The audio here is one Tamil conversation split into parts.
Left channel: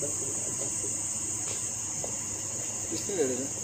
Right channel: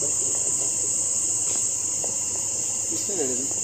Viste de verdad.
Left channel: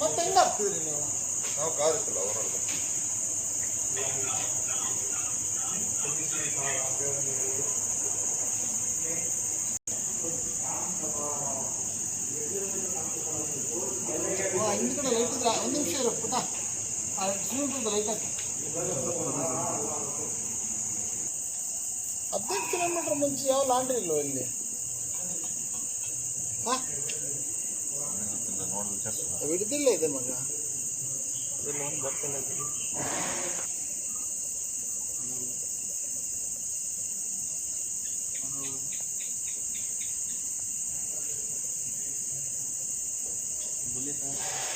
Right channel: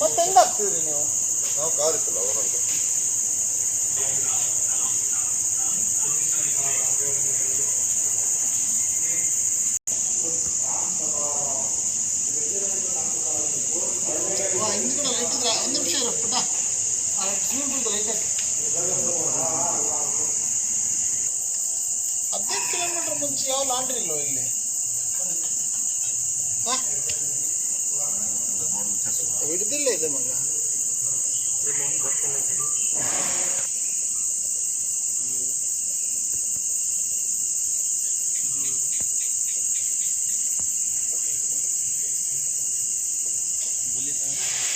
ಮತ್ತೆ ಹೆಂಗ ಹಾಕ್ತೀರಿ ನೀವು ನಾವು ಕಾರ್ ಇರ್ತಿಲ್ಲ ಓನರ್ ಬರ್ತೀವಿ இதுக்கட லைட் இருக்கா அஞ்சு நிமிஷம் இருக்கு போட்டா லைட்டா பத்து கிலோமீட்டர் முடிச்சியா லாண்டரி இல்லை இல்லை விடுதில்ல இது மட்டும் Thank you.